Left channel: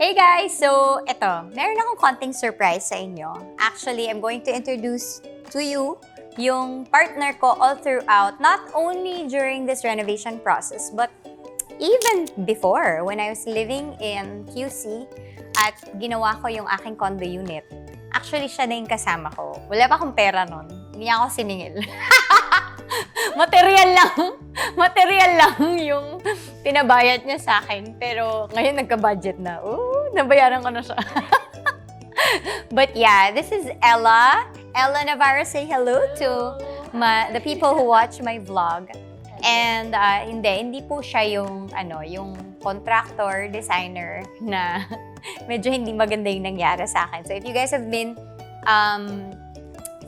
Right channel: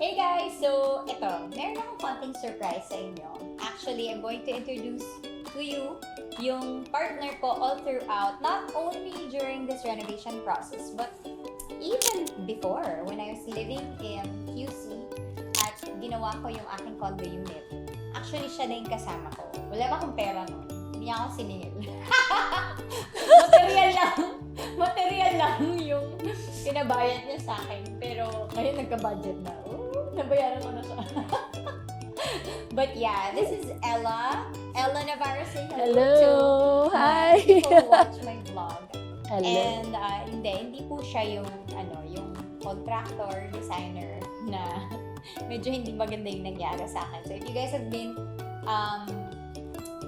Hey guys! So, eto, meron akong konting surprise sa inyo. Actually, I'm going to introduce to you yung partner ko all throughout, not only during this renovation process, but even before, when I was living in QC at ginawa ko yung aking condo unit. Actually, siya na yung kasama ko. Wala pa akong pera nun. Hindi niya ako siningil. Material lang yung pinabayad niya sa akin. Pero ngayon nagka-budget na. Nabayaran ko na siya. But yeah, this is Ella. Ella Navarro, say hello to the people who watch my vlog. Hello. And hindi po siya yung contractor, designer na medyo hindi maganda yung nangyari sa akin. So if you guys have been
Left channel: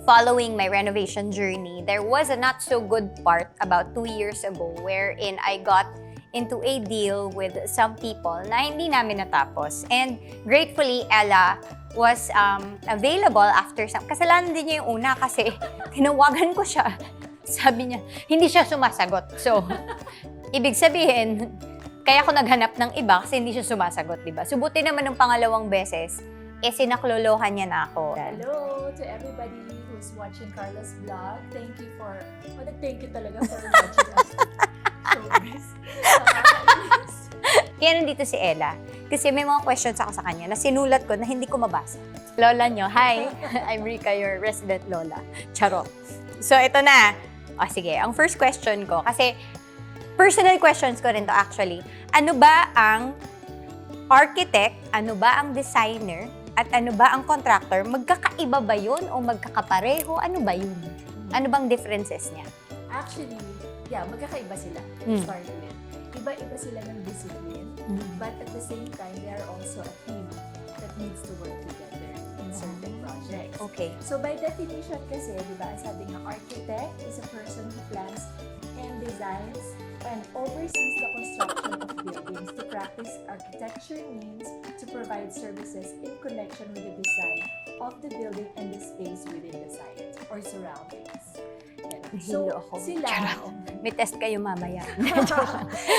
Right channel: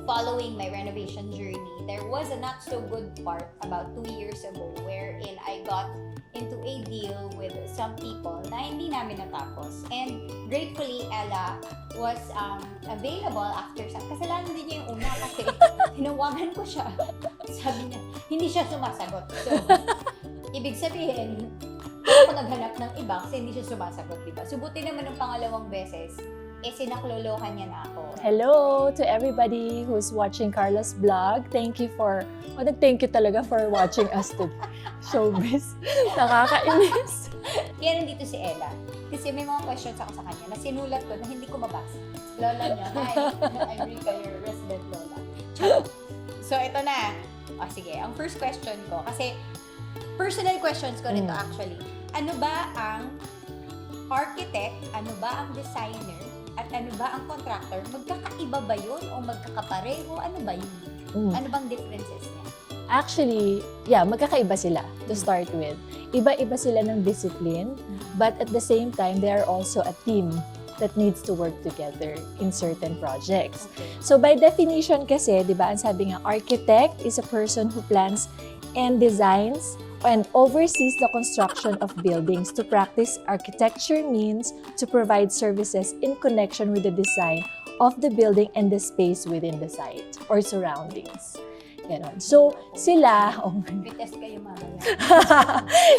following my renovation journey, there was a not so good part about 2 years ago wherein I got into a deal with some people na hindi namin natapos. And gratefully, Ella was available after some... Kasalanan din niya yung una kasi tinawagan ko siya. Sabi niya, hindi siya sumasagot. So, ibig sabihin, kaya ako naghanap ng iba kasi hindi siya sumasagot, diba? Subuti naman ng pangalawang beses, sinaklolohan niya na ako. Hello to everybody who's watching Carla's vlog. Thank you for, thank you talaga for watching us to showbiz. Nakakainis. Kaya nandito si Ella. Kasi may mga questions ako sa kanya na sinulat ko na hindi ko mabasa. Lola nyo, hi! I'm Rica, your resident Lola. Charot. So, ito na. Sige, ang first question ko, kasi personal questions ko rin to actually. Ano ba ang architect, ano ba ang designer, at ano ba ang contractor? Magkakaiba ba yun o magkakapareho? Ano ba yun? Ano bang differences niya? Actually, yeah, magkakaiba sila to start with. Iba-iba sila ng discipline, but at the same time, they are also a team that needs to work together in certain projects. Okay. So by definition kasi, di ba, ang sabi nga, architect is a person who plans and designs and oversees the construction of buildings. To practice architecture means to provide services in connection with the design of the building and the space within the site or surroundings. So, sila... May test kayo mamaya.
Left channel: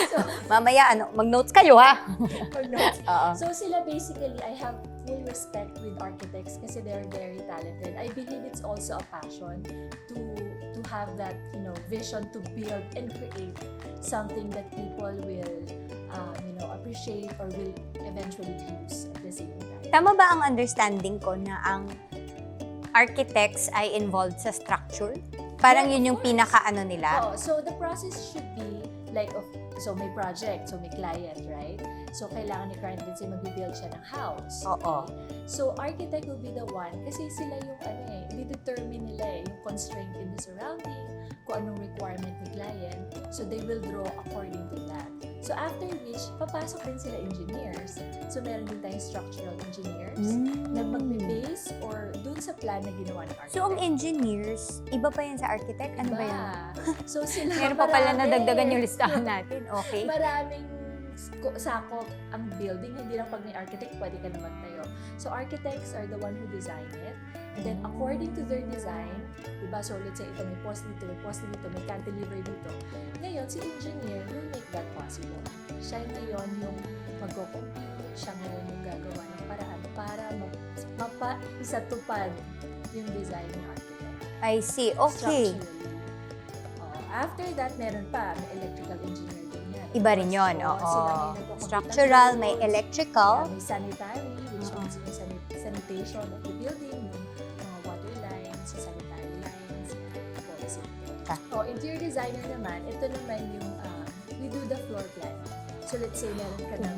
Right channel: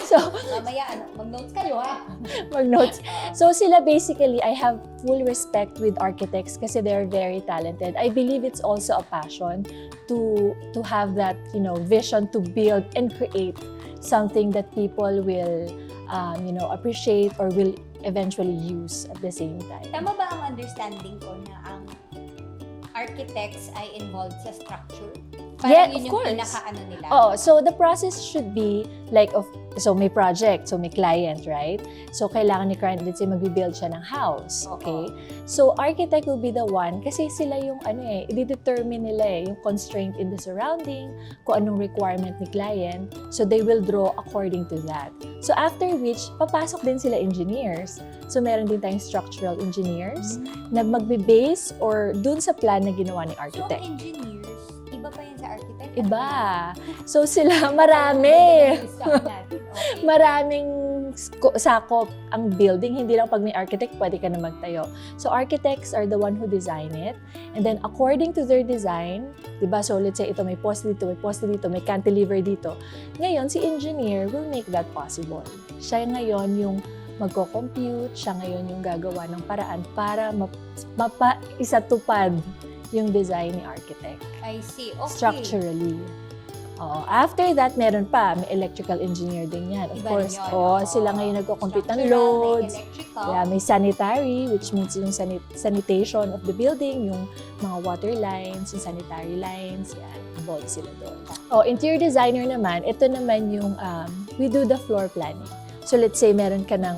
So, mamaya, mag-notes kayo, ha? Mag-notes. So, sila basically, I have full respect with architects kasi they're very talented. I believe it's also a passion to have that, vision to build and create something that people will, appreciate or will eventually use at the same time. Tama ba ang understanding ko na ang architects ay involved sa structure? Parang Yeah, yun yung pinaka-ano nila? So the process should be like, so may project, so may client, right? So kailangan ni client, let's say, magbibuild siya ng house, okay? So architect will be the one, kasi sila yung i-determine nila yung constraint in the surrounding, kung anong requirement ni client, so they will draw according to that. So after which, papasok din sila engineers. So meron din tayong structural engineers na magbe-base or dun sa plan na ginawa ni architect. So ang engineers, iba pa yan sa architect? Iba. So sila, Nadagdagan marami. yung listahan natin. Okay. Maraming sakop ang building. Hindi lang pag may architect, pwede ka na magtayo. So architects are the one who design it. And then according to their design, diba? So let's say ito may post dito, may cantilever dito. Ngayon, si engineer will make that possible. Siya ngayon yung magko-compute, siya ngayon yung gagawa ng paraan para mapaisatupad yung design ni architect. I see. Okay. Structurally. After that, meron pa. May electrical engineer din yan. Iba rin yun. Sila ngayon nagko-compute ng Structural, loads. may electrical. Yeah, may sanitary, which means yung sanitation of the building, yung mga water lines, yung sanitary lines. Yan, involved sila doon. Interior designer naman, ito naman yung, we do the floor planning. So let's say meron ka ng...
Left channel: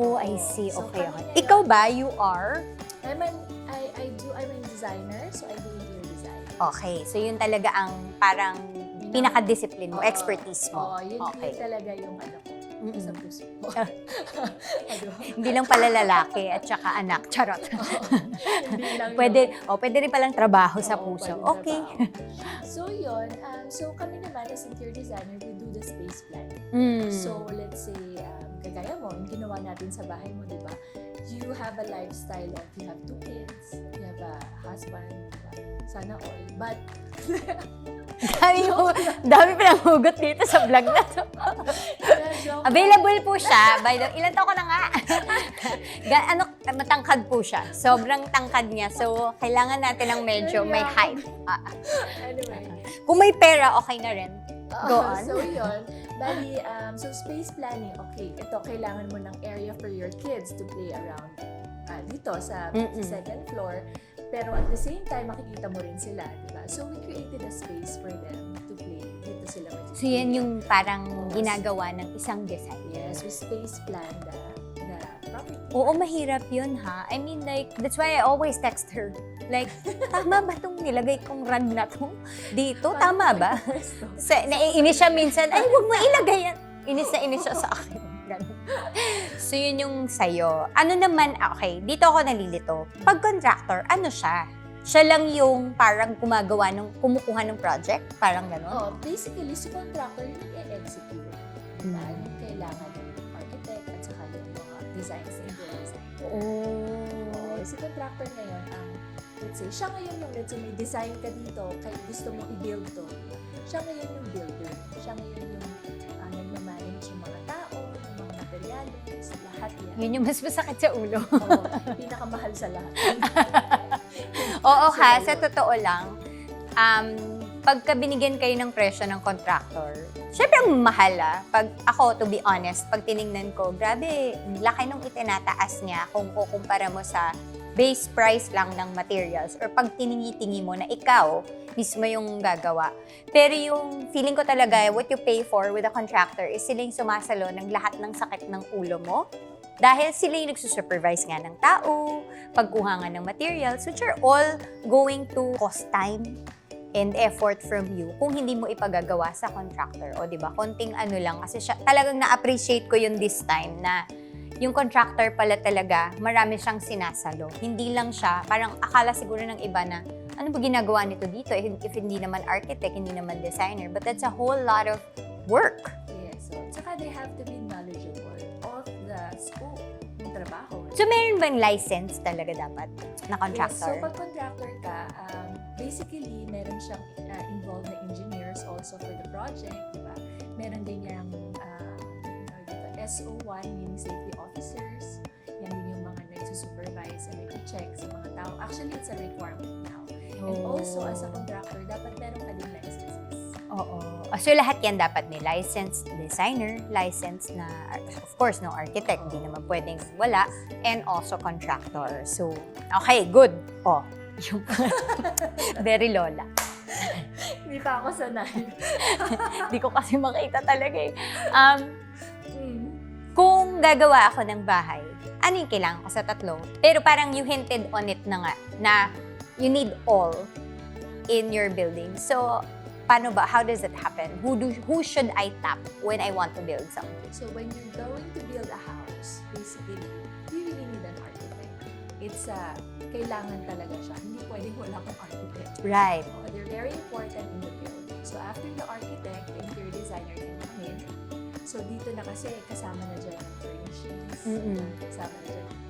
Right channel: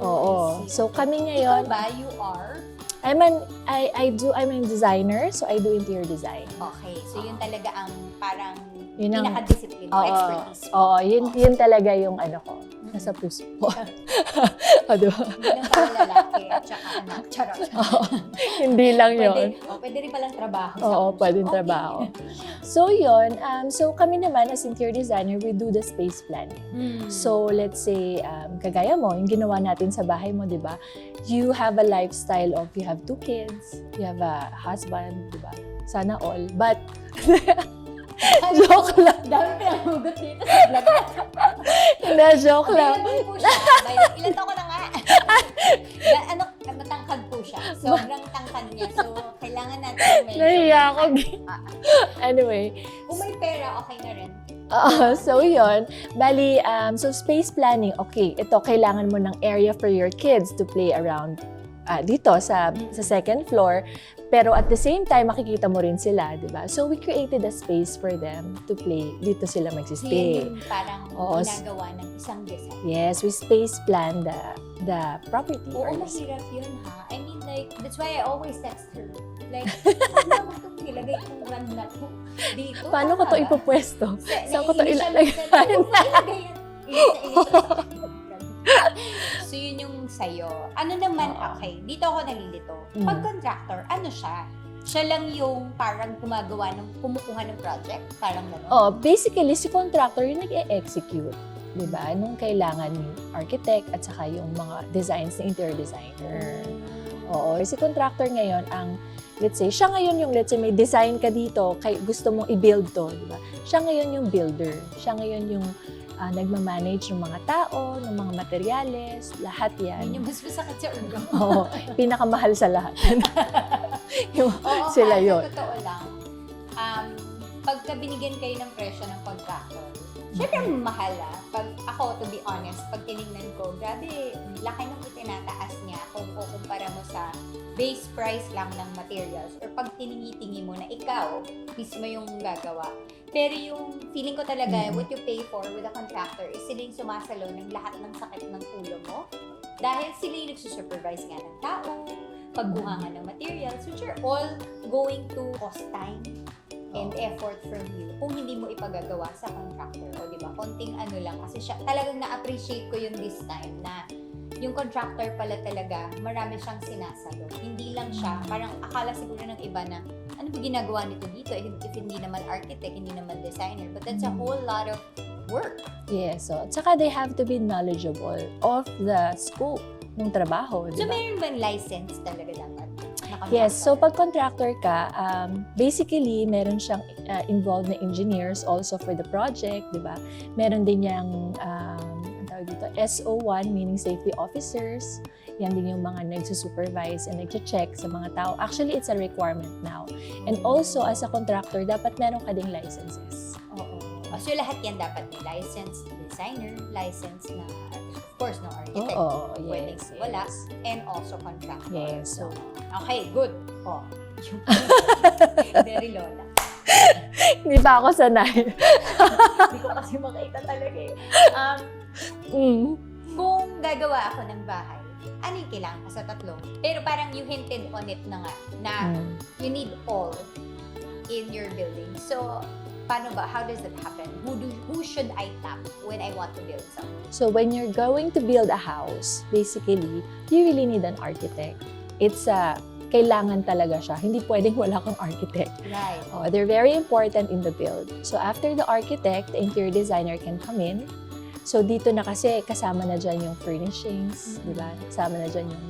I see. So kami ngayon... Ikaw ba, you are? I'm a designer, so I do interior design. Okay. So yun talaga ang parang Yun ang- pinaka-discipline mo, expertise mo. Yun talaga yung ko. Nasa puso ko. Hindi lang pala lalaki at saka anak. Charot. Hindi lang yun. Pwede rin palang trabaho sa puso. Pwedeng trabaho. So yun, so kami naman as interior designer, we do the space planning. So let's say, kagaya mo, yung ginawa natin sa bahay mo, di ba? You have a lifestyle of, you have 2 kids, you have a husband, di ba? Sana all. But, Dami pinanghugot dito sa vlog na. joke lang. Available po siya. Ilan taon ko na nga? daw siya. Sobrang tangkad niya. So, kailangan natin ng medyo may Naiyak height. Anyway. Kung may pera, okay na rin. So yun, bali, so space planning, okay, ito, kailangan mo ng area for your kids to play around dito sa second floor. Pero at the same time, makikita mo rin sila, di ba? So we created a space for them to play. Dito sila So, magsistay. yun yung parang ginagawa ng isang design. Yes, we space plan the property. Oo, first. mahirap yun, ha? I mean, like, that's why I always text her. Like, tama ba itong nilagay kong rug na to dito? Paano Tama mo ito ba? ipupwesto? Naiinis siya minsan. Ay, huwag mo ilagay yan. Inis na inis siya sa akin. So, yun yung sa'yo. Ano naman, okay, dito ako nalilito. Pag contractor, ano siya? Siya lang yung parang kumukuha ng project? Parang gano'n? Oh, basically, si contractor yung nag-e-execute. Diba? Nung kailangan yung architect at saka yung mga designs ng interior designer. Oo. Si contractor ngayon ang, let's say, siya ngayon yung, let's say, may design ka dito, gusto mong i-build to, diba? Siya ngayon yung builder. Siya ngayon yung nagmamanage ng mga tao, ng mga materyales, lahat yan. Yun yung mas masakit sa ulo. Oo. Pinakamahal sa lahat. Oo, Sila sa yun. totoo lang, pagka binigyan kayo ng presyo ng contractor, syempre mahal Pag ako, to be honest, pag tinignan ko, grabe, laki nung itinataas niya kung kukumpara mo sa base price lang ng materials or pag tiningi-tingi mo na ikaw mismo yung gagawa. Pero yung feeling ko talaga, what you pay for with a contractor is sila yung sumasalo ng lahat ng sakit ng ulo mo. Dahil sila yung nagsusupervise nga ng tao, pagkuha nga ng materials, which are all going to cost time and effort from you kung hindi mo ipagagawa sa contractor. O, di ba? Konting ano lang. Kasi siya, talagang na-appreciate ko yun this time na yung contractor pala talaga, marami siyang sinasalo. Hindi lang siya, parang akala siguro ng iba na, ano ba ginagawa nito dito? If hindi naman architect, hindi naman designer. But that's a whole lot of work. Yes. So, tsaka they have to be knowledgeable of the scope ng trabaho. So, meron bang license talaga dapat na contractor? Yes. So, pag contractor ka, basically, meron siyang involved na engineers also for the project, di ba? Meron din yung SO1, meaning safety officers. Yan din yung mga nagsusupervise and nag-check sa mga tao. Actually, it's a requirement now. And also, as a contractor, dapat meron ka ding licenses. Oo. So, lahat yan dapat may licensed designer, licensed na, of course, no architect, hindi naman pwedeng wala, and also contractor. Yes. So, okay, good. Oh, very lola. Hindi pa ako sanay. Hindi ko kasi makita talaga eh. Kung gagawa ako ng bahay, ano yung kailangan ko sa tatlo? Pero parang you hinted on it na nga, na you need all in your building. So, paano ba? How does it happen? Who should I tap when I want to build something? So, when you're going to build a house, basically, you really need an architect. It's kailangan talaga siya. Hindi pwedeng wala kang architect. Right. They're very important in the build. So, after the architect, the interior designer can come in. So, dito na kasi kasama na dyan yung furnishings, diba? Kasama na dyan yung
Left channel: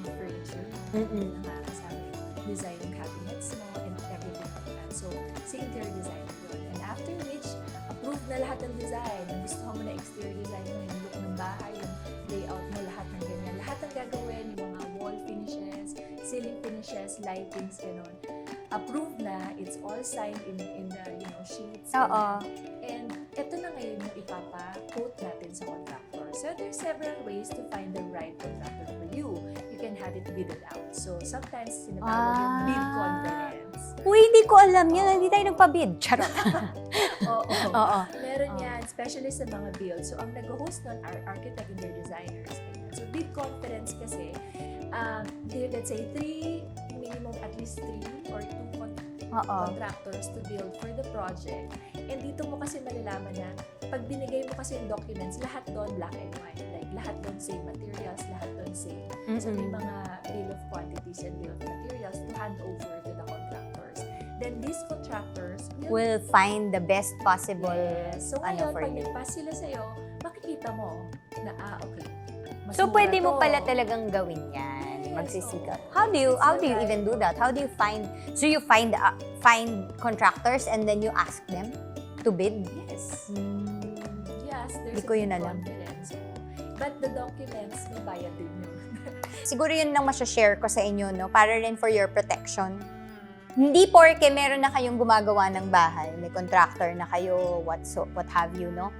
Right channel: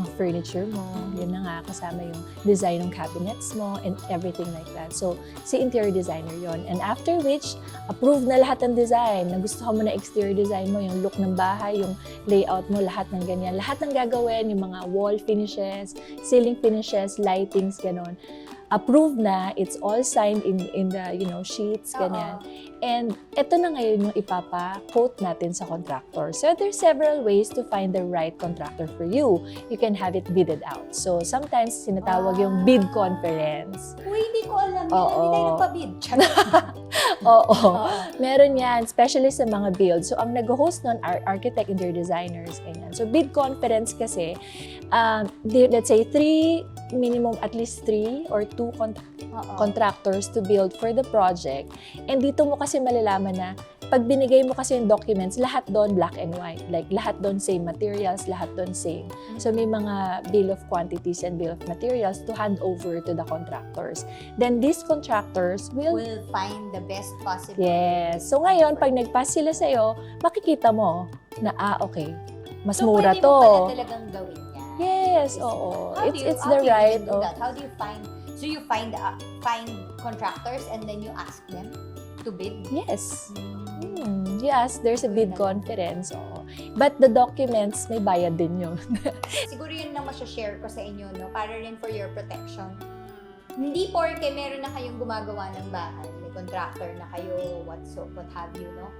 mga furniture mo. Yun na nga, kasama yung design ng cabinets mo and everything like that. So, si interior designer yon. And after which, approve na lahat ng design. Nagustuhan mo na exterior design mo, yung look ng bahay, yung layout mo, lahat ng ganyan. Lahat ng gagawin, yung mga wall finishes, ceiling finishes, lightings, ganon. Approved na, it's all signed in the, sheets, ganyan. And ito na ngayon yung ipapa-quote natin sa contractor. So, there's several ways to find the right contractor for you. You can have it bidded out. So, sometimes sinatawag yung bid conference. Uy, hindi ko alam yun. Hindi tayo nagpa-bid. Oo. Meron yan, especially sa mga build. So, ang nag-host nun are architect and their designers. Ganyan. So, bid conference kasi, let's say, minimum at least 3 or 2 contractors to build for the project. And dito mo kasi malalaman na pag binigay mo kasi yung documents, lahat doon black and white. Like, lahat doon same materials, lahat doon same. So, may mga bill of quantities and bill of materials to hand over to the contractors. Then, these contractors will find the best possible. Yes. So, ngayon, pag nag-pass sila sa'yo, makikita mo na, okay, mas mura to. So, pwede mo pala talagang gawin yan. Yes, oo. How do you even do that? How do you find, so you find contractors and then you ask them to bid? Yes. Yes, there's a bid conference. But the documents, may bayad din yun. Siguro yun lang masashare ko sa inyo, no? Para rin for your protection. Hindi porke meron na kayong gumagawa ng bahay, may contractor na kayo, what have you, no?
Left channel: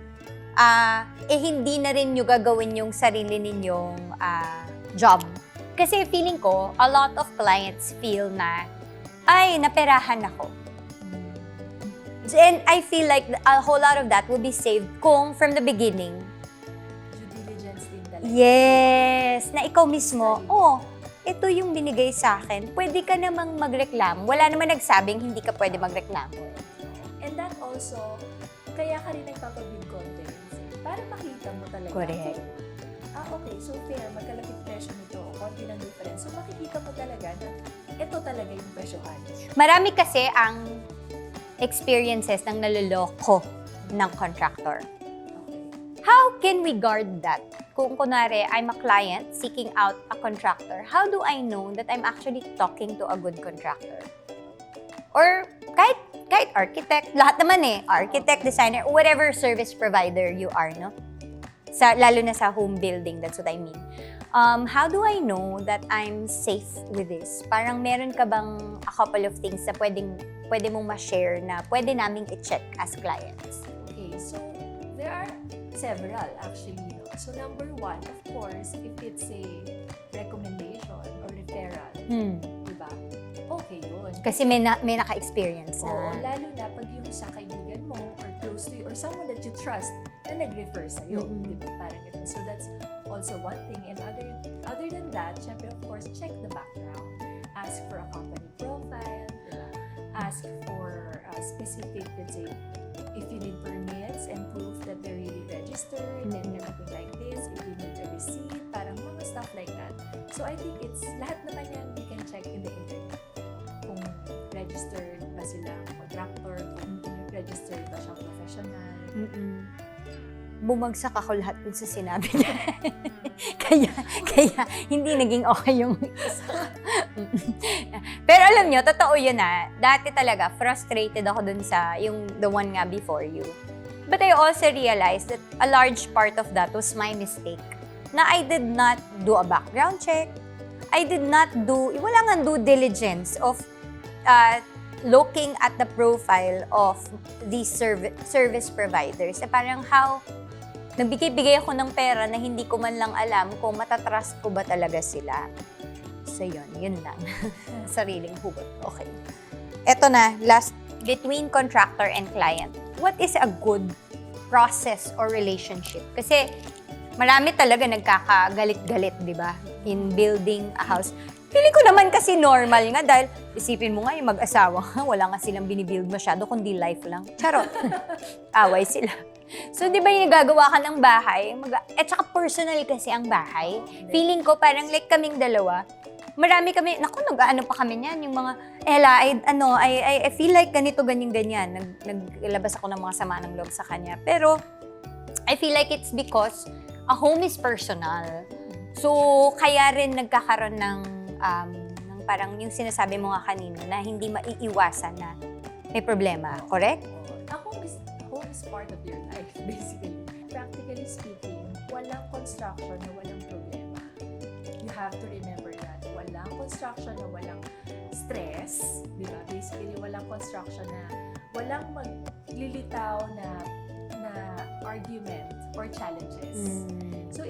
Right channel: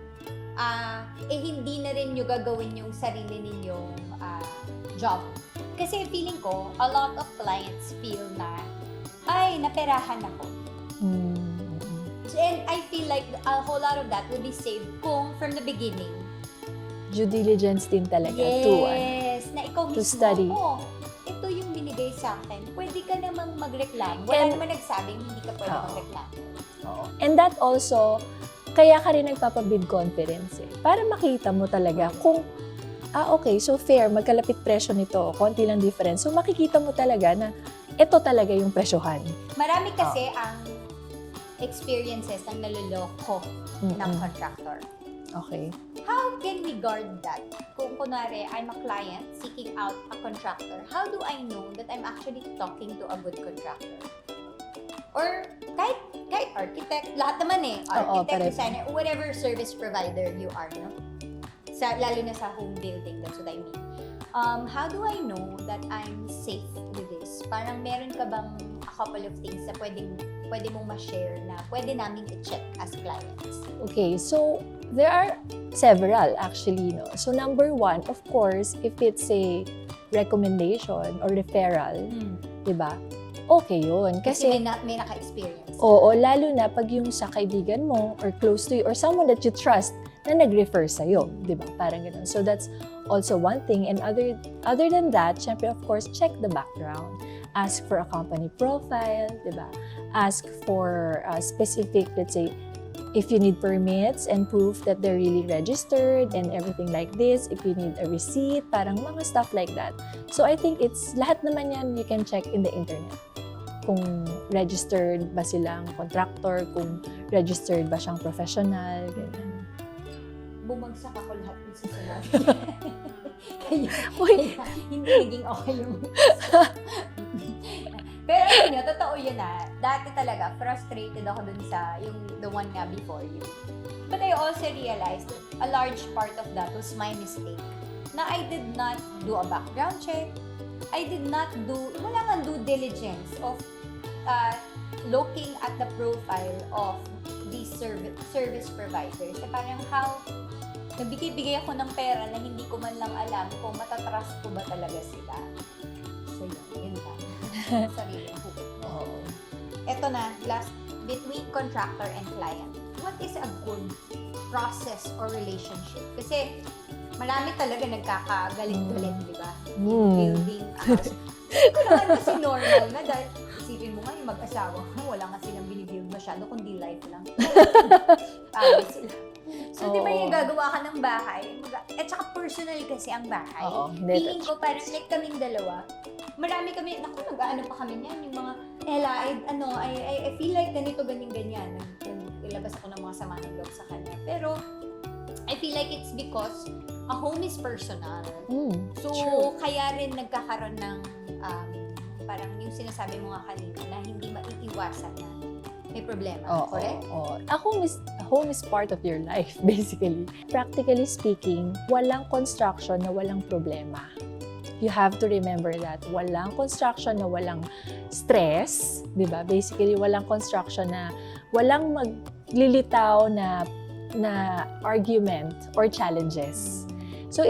Hindi na rin nyo gagawin yung sarili ninyong job. Kasi feeling ko, a lot of clients feel na, ay, naperahan ako. And I feel like a whole lot of that will be saved kung from the beginning. Due diligence din talaga. Yes! Na ikaw mismo, study. Ito yung binigay sa akin. Pwede ka namang magreklamo. Wala naman nagsabing hindi ka pwede magreklamo. And that also, kaya ka rin nagpapabid conference para makita mo talaga kung okay, so fair, magkalapit presyo nito, konti lang difference. So makikita mo talaga na ito talaga yung presyohan. Marami kasi ang experiences ng naloloko ng contractor. Okay. How can we guard that? Kung kunwari, I'm a client seeking out a contractor, how do I know that I'm actually talking to a good contractor? Or kahit architect, lahat naman architect, designer, whatever service provider you are, no? Lalo na sa home building, that's what I mean. How do I know that I'm safe with this? Parang meron ka bang a couple of things na pwede mong ma-share na pwede naming i-check as clients? Okay, so there are several actually, no? So number one, of course, if it's a recommendation or referral, di ba? Okay yun. Kasi may naka-experience. Oo, lalo na pag yung sa kaibigan mo or close to you or someone that you trust na nag-refer sa'yo, di ba? Parang ganun. So that's also one thing. And other than that, syempre, of course, check the background. Ask for a company profile, di ba? Ask for a specific, let's say, if you need permits and proof that they're really registered and everything like this, if you need a receipt, parang mga stuff like that. So I think lahat naman yan you can check in the internet. Kung registered ba silang contractor, kung registered ba siyang professional. Bumagsak ako lahat dun sa sinabi niya. kaya hindi naging okay yung Pero alam nyo, totoo yun Dati talaga, frustrated ako dun sa the one nga before you. But I also realized that a large part of that was my mistake. Na I did not do a background check. Wala nga due diligence of looking at the profile of these service providers. Parang nagbigay ako ng pera na hindi ko man lang alam kung matatrust ko ba talaga sila. So yun lang. Sariling hugot. Okay. Eto na, last, between contractor and client. What is a good process or relationship? Kasi marami talaga nagkakagalit-galit, di ba? In building a house. Hindi ko naman kasi normal nga dahil isipin mo nga yung mag-asawa wala nga silang binibuild masyado kundi life lang. Pero away sila. So, di ba yung nagagawa ka ng bahay? Saka personal kasi ang bahay. Feeling ko parang like kaming dalawa, marami kami, nag-ano pa kami niyan, yung mga, I feel like ganito, ganyan. Naglabas ako ng mga sama ng loob sa kanya. Pero, I feel like it's because a home is personal. So, kaya rin nagkakaroon ng, parang yung sinasabi mo nga kanina, na hindi maiiwasan na may problema. Correct? A home is part of your life, basically. Practically speaking, walang construction na walang problema. You have to remember that. Walang construction na walang stress, di ba? Basically, walang construction na walang maglilitaw na argument or challenges. So,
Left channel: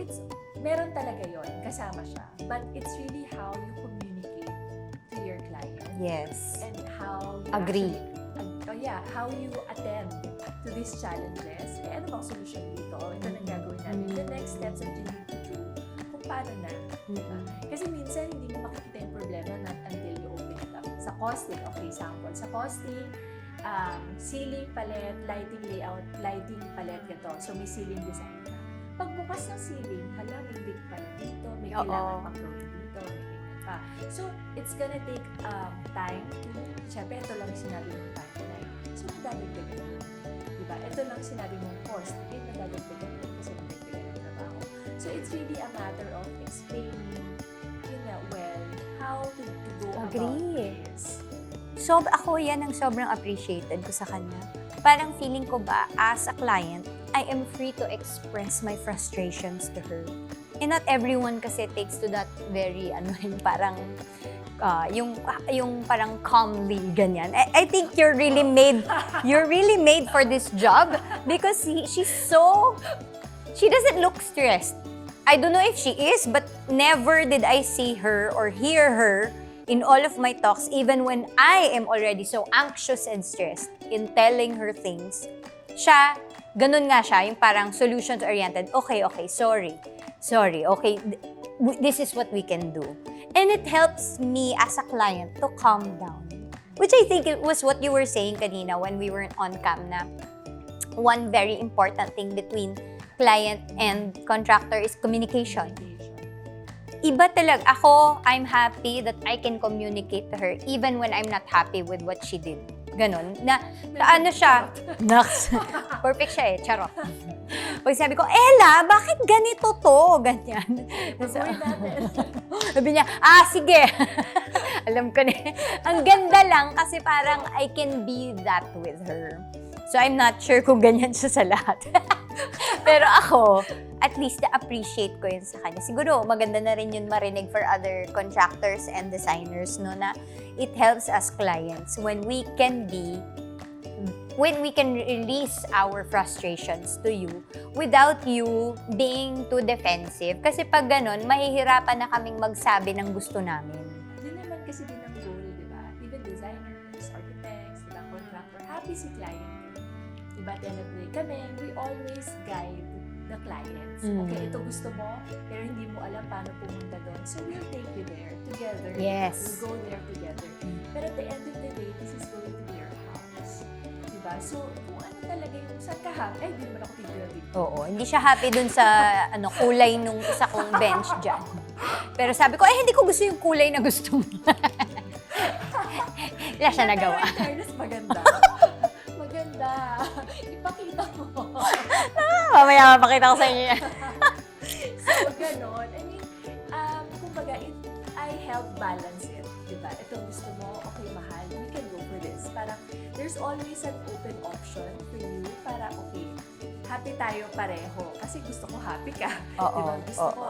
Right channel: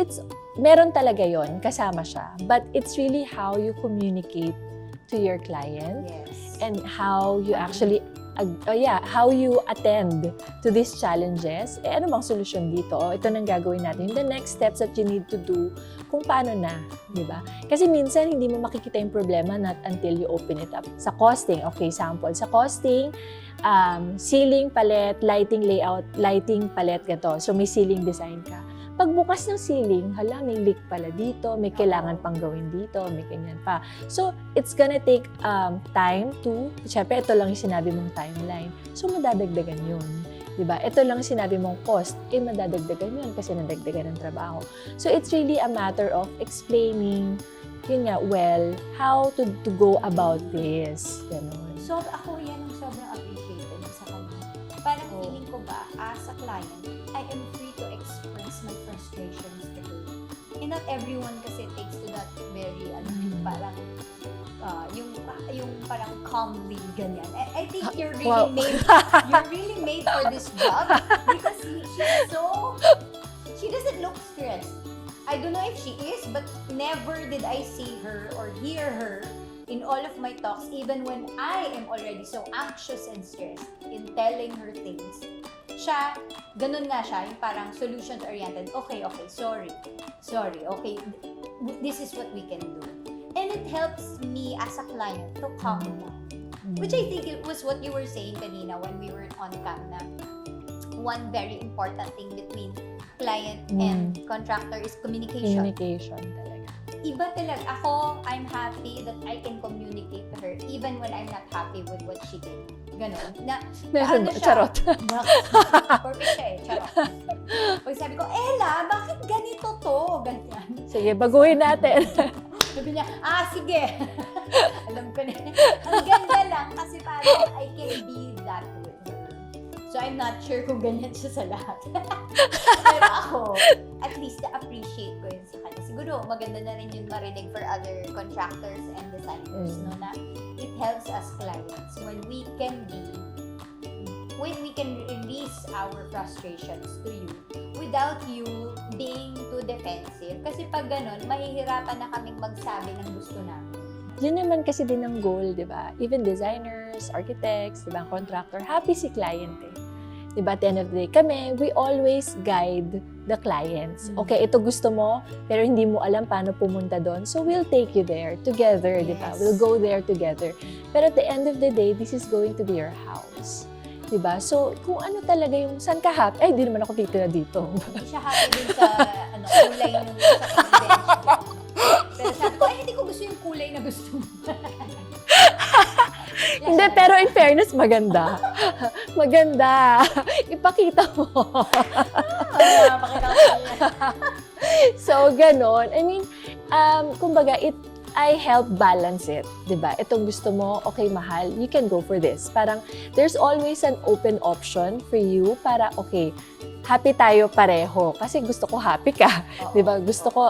meron talaga yon, kasama siya. But it's really how you communicate to your client. Yes. And how you how you attend to these challenges. Ano bang solusyon dito? Ito nang gagawin natin. The next steps that you need to do, kung paano na, di ba? Kasi minsan, hindi mo makikita yung problema not until you open it up. Sa costing, okay, sample. Sa costing, ceiling palette, lighting layout, lighting palette, gato. So, may ceiling design ka. Pagbukas ng ceiling, may leak pala dito, may kailangan pang gawin dito, may ganyan pa. So, it's gonna take time syempre, ito lang yung sinabi mong timeline. So, madadagdagan yun. Diba? Ito lang sinabi mong cost, madadagdagan yun kasi nadagdagan ng trabaho. So, it's really a matter of explaining, how to go about this. So, ako yan ang sobrang appreciated ko sa kanya. Parang feeling ko ba, as a client, I am free to express my frustrations to her. And not everyone kasi takes to that very, yung parang, yung parang calmly ganyan. I think you're really made for this job because she doesn't look stressed. I don't know if she is, but never did I see her or hear her in all of my talks, even when I am already so anxious and stressed in telling her things. Ganun nga siya, yung parang solutions-oriented. Okay, sorry, okay, this is what we can do. And it helps me as a client to calm down. Which I think it was what you were saying kanina when we were on cam na one very important thing between client and contractor is communication. Iba talaga. Ako, I'm happy that I can communicate to her even when I'm not happy with what she did. Ganon. Ano siya? Naks. Perfect siya eh. Charot. Pag sabi ko, Ella, bakit ganito to? Ganyan. Sige, baguhin natin. Sabi niya, sige. Alam ko na. Ang ganda lang kasi parang I can be that with her. So I'm not sure kung ganyan siya sa lahat. Pero ako, at least na-appreciate ko yun sa kanya. Siguro maganda na rin yun marinig for other contractors and designers, no, na it helps us clients when we can release our frustrations to you without you being too defensive. Kasi pag ganun, mahihirapan na kaming magsabi ng gusto namin. Yun naman kasi din ang goal, di ba? Even designers, architects, di ba, contractor, happy si client eh. Di ba, at the end of the day, kami, we always guide the clients. Okay, ito gusto mo, pero hindi mo alam paano pumunta doon. So, we'll take you there together, di ba? We'll go there together. Pero at the end of the day, this is going to be your house. Diba? So, kung ano talaga yung saan ka happy, ay, hindi naman ako titira dito. Hindi siya happy dun sa kulay nung saking bench dyan. Pero sabi ko, hindi ko gusto yung kulay na gusto mo. Hindi, pero in fairness, maganda. Maganda. Ipakita mo. Mamaya mapakita ko sa inyo. So, ganon. I mean, kumbaga, I help balance it, di ba? Itong gusto mo, okay, mahal, you can go for this. Parang, there's always an open option for you para, okay, happy tayo pareho. Kasi gusto ko happy ka, di ba? Gusto ko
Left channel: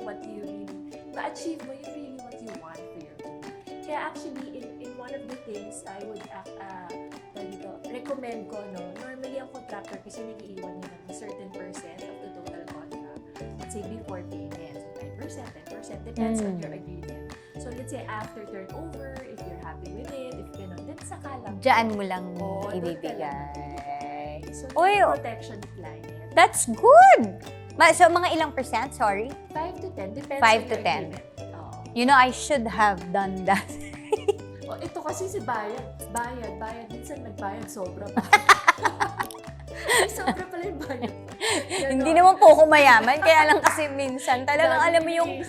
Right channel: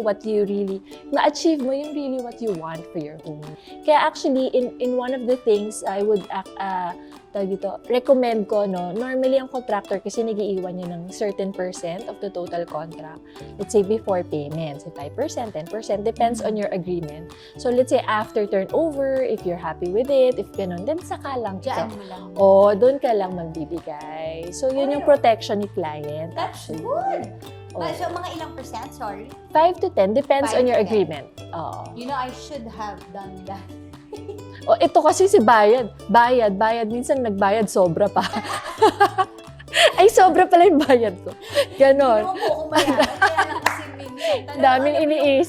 what you really, ma-achieve mo yung really what you want for your home. Kaya actually, in one of the things I would recommend ko, no, normally ang contractor kasi nag-iiwan niya ng certain percent of the total contract. Let's say before payment, so 5%, 10%, depends on your agreement. So let's say after turnover, if you're happy with it, if ganun, then saka lang. Diyan mo lang. Doon ka lang magbibigay. So yun yung protection ni client. That's good! So mga ilang percent, sorry? 5 to 10, depends on your agreement. You know, I should have done that. Ito kasi si bayad. Minsan nagbayad, sobra pa. Ay, sobra pala yung bayad ko. Ganon. Hindi naman po ako mayaman, kaya lang kasi minsan talagang alam mo yung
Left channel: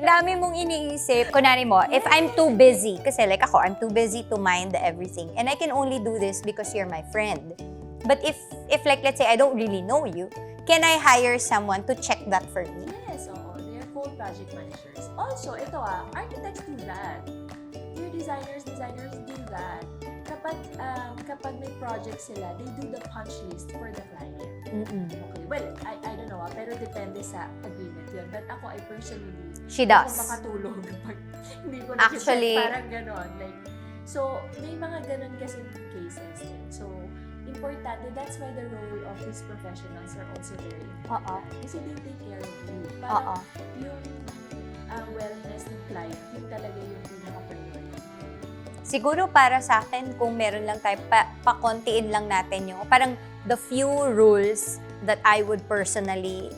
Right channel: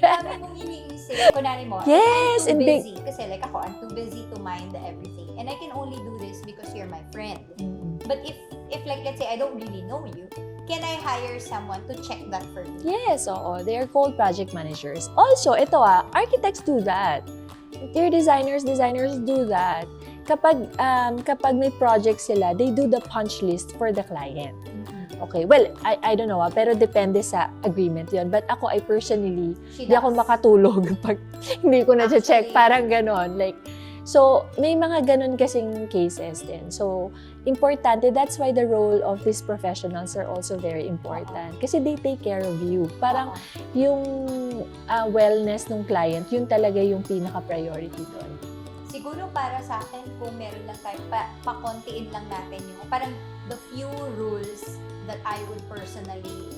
dami mong iniisip. Kunwari mo, if I'm too busy, kasi like ako, I'm too busy to mind everything. And I can only do this because you're my friend. But if like, let's say, I don't really know you, can I hire someone to check that for me? Yes, they are called project managers. Also, ito architects do that. Your designers do that. Kapag may project sila, they do the punch list for the client. Okay, well, I don't know, pero depende sa agreement yun. But ako, I personally, hindi ako makatulog pag hindi ko na-check. Parang ganon. Like, so, may mga ganon kasing cases din. So, importante, that's why the role of these professionals are also very important. Kasi they take care of you. Parang yung wellness ng client, yun talaga yung pinaka-priority din. Siguro para sa akin, kung meron lang tayo, pakontiin lang natin yung parang the few rules that I would personally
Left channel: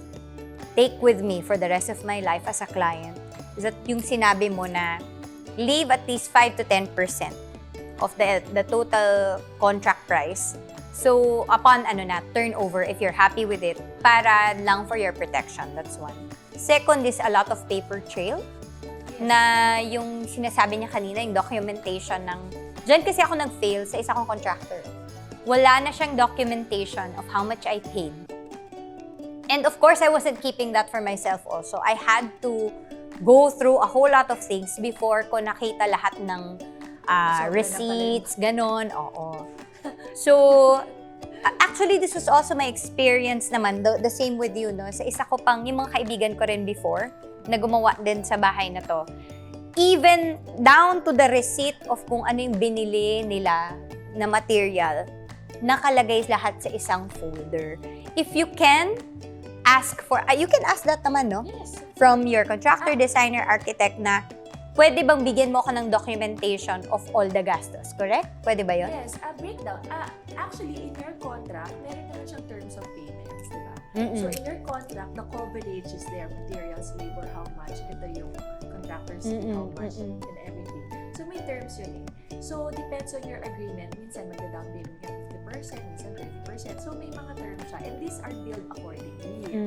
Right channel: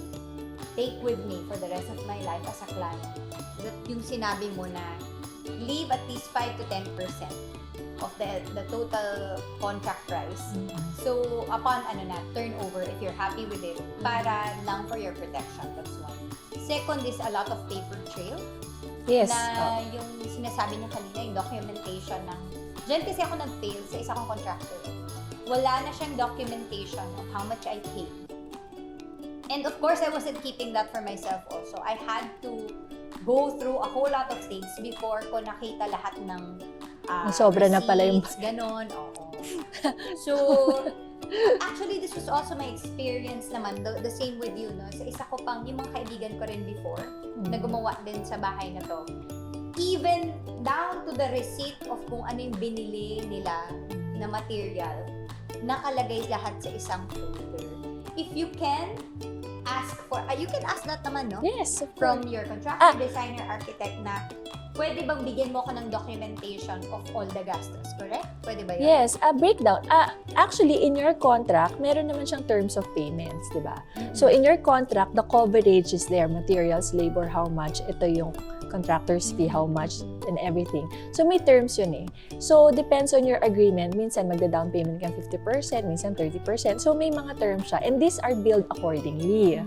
take with me for the rest of my life as a client is that yung sinabi mo na leave at least 5 to 10% of the total contract price. So, upon turnover, if you're happy with it, para lang for your protection. That's one. Second is a lot of paper trail. Yes. Na yung sinasabi niya kanina, yung documentation ng... Diyan kasi ako nag-fail sa isa kong contractor. Wala na siyang documentation of how much I paid. And of course, I wasn't keeping that for myself also. I had to go through a whole lot of things before ko nakita lahat ng receipts, ganon. Oo. So, Actually, this was also my experience naman, the same with you, no? Sa isa ko pang, yung mga kaibigan ko rin before, na gumawa din sa bahay na to. Even down to the receipt of kung ano yung binili nila na material, nakalagay lahat sa isang folder. If you can, ask for, you can ask that naman, no? Yes. From your contractor, designer, architect na, pwede bang bigyan mo ako ng documentation of all the gastos, correct? Pwede ba yun? Yes, a breakdown. Actually, in your contract, meron naman siyang terms of payments, di ba? So, in your contract, the coverage is there. Materials, labor, how much. Ito yung contractor's fee, how much, and everything. So, may terms yun eh. So, depends on your agreement. Minsan, magda-down payment ka 50%, minsan 30%. So, may mga terms siya. And these are billed accordingly.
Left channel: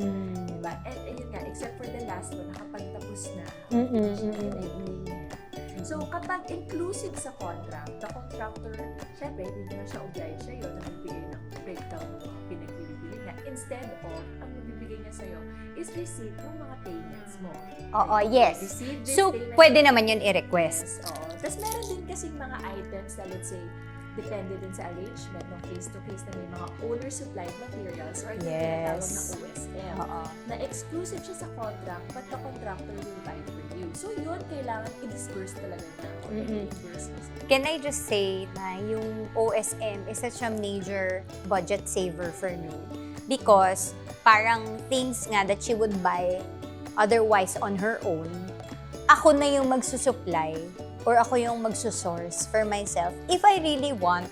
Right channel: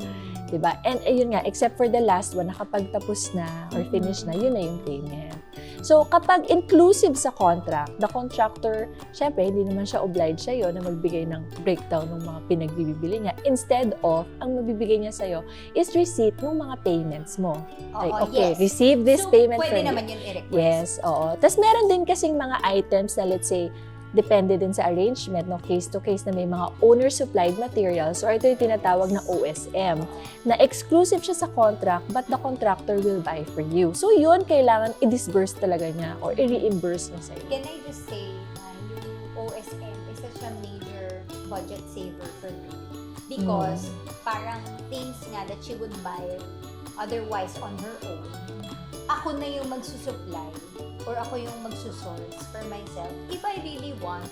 Diba? And ayun nga, except for the last one, nakapagtapos na or finish na, yun na yung payment. So, kapag inclusive sa contract, the contractor, syempre, hindi naman siya obliged sa'yo na magbigay ng breakdown ng mga pinagbibili niya. Instead of, ang mabibigay niya sa'yo is receipt ng mga payments mo. Oo, Like, okay, yes. receive this So, payment. pwede from naman yun i-request. Yes, oo. Tapos meron din kasing mga items na let's say, depende din sa arrangement, no, case to case na may mga owner-supplied materials or ito yung tinatawag na OSM, na exclusive siya sa contract but the contractor will buy for you. So yun, kailangan i-disburse talaga niya or i-reimburse niya sa'yo. Can I just say na yung OSM is such a major budget saver for me? Because parang things nga that she would buy otherwise on her own, ako na yung magsusupply or ako yung magsusource for myself if I really want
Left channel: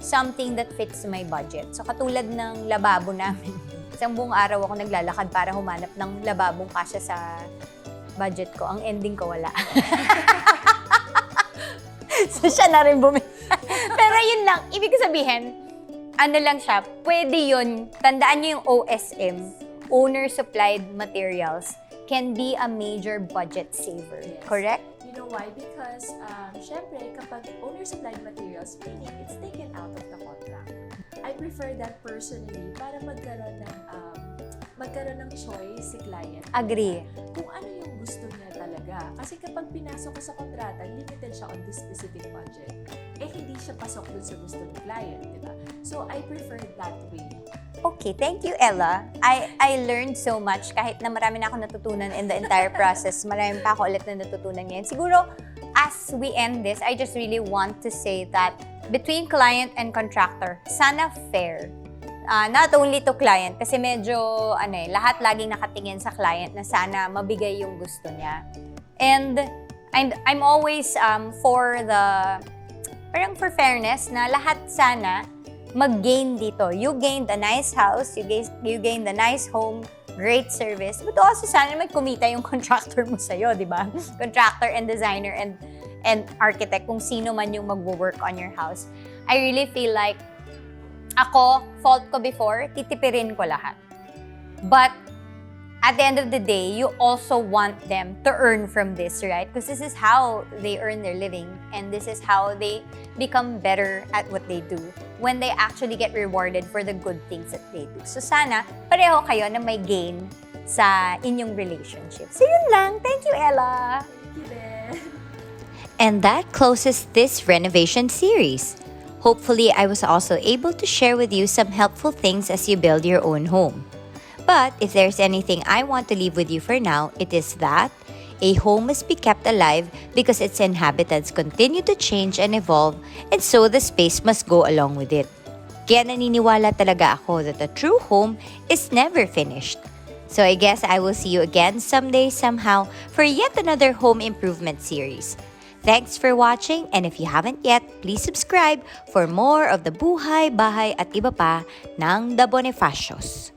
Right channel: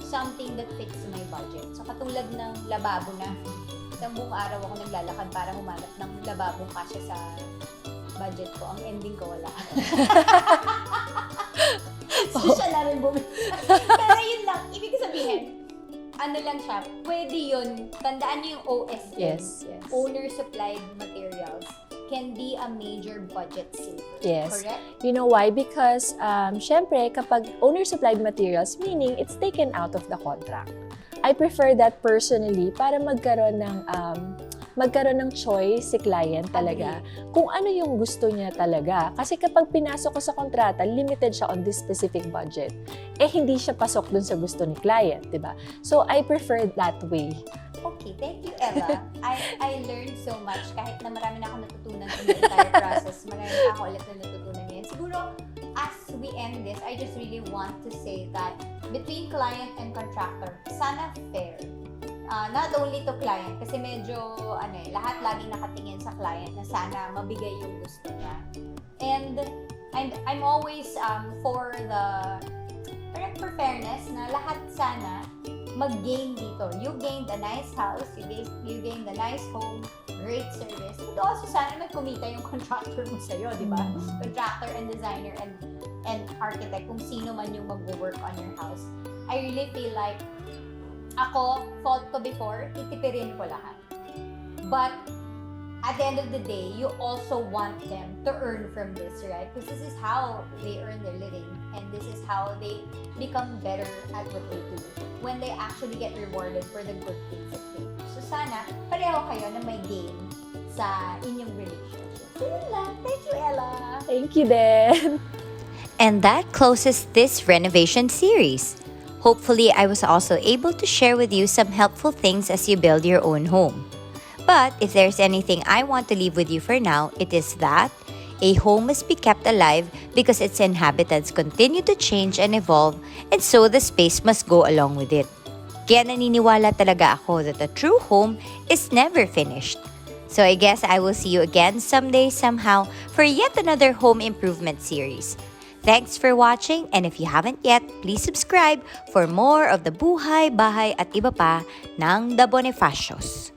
something that fits my budget. So katulad ng lababo namin, isang buong araw ako naglalakad para humanap ng lababong kasya sa budget ko. Ang ending ko, wala. So siya na rin bumili. Pero yun lang, ibig sabihin, ano lang siya, pwede yun, tandaan niyo yung OSM, owner-supplied materials, can be a major budget saver. Yes. Correct? You know why? Because, syempre, kapag owner-supplied materials, meaning it's taken out of the contract. I prefer that personally para magkaroon ng choice si client talaga. Agree. Kung ano yung gusto niya talaga. Kasi kapag pinasok ko sa kontrata, limited siya on this specific budget. Eh, hindi siya pasok dun sa gusto ni client, di ba? So, I prefer that way. Okay, thank you, Ella. I learned so much. Kahit na marami na ako natutunan in the entire process, marami pa ako ulit na natutunan ngayon. Siguro, as we end this, I just really want to say that between client and contractor, sana fair. Not only to client, kasi medyo, lahat laging nakatingin sa client na sana mabigay yung gusto niya. And I'm always for fairness na lahat sana mag-gain dito. You gained a nice house, you gained a nice home, great service, but also sana may kumita yung contractor mo sa'yo, di ba? Contractor and designer and architect, kung sino man yung mag-work on your house. I really feel like, ako, fault ko before, titipirin ko lahat. But, at the end of the day, you also want them to earn from this, right? Because this is how they earn their living, and this is how they become better at what they do when they actually get rewarded for the good things that they do. So sana, pareho kayo na may gain sa inyong relationship. So yun lang. Thank you, Ella. Thank you, Ben. And that closes this renovation series. Hopefully, I was also able to share with you some helpful things as you build your own home. But if there's anything I want to leave with you for now, it is that a home must be kept alive because its inhabitants continue to change and evolve, and so the space must go along with it. Kaya naniniwala talaga ako that a true home is never finished. So I guess I will see you again someday somehow for yet another home improvement series. Thanks for watching, and if you haven't yet, please subscribe for more of the buhay, bahay at iba pa ng the Bonifacios.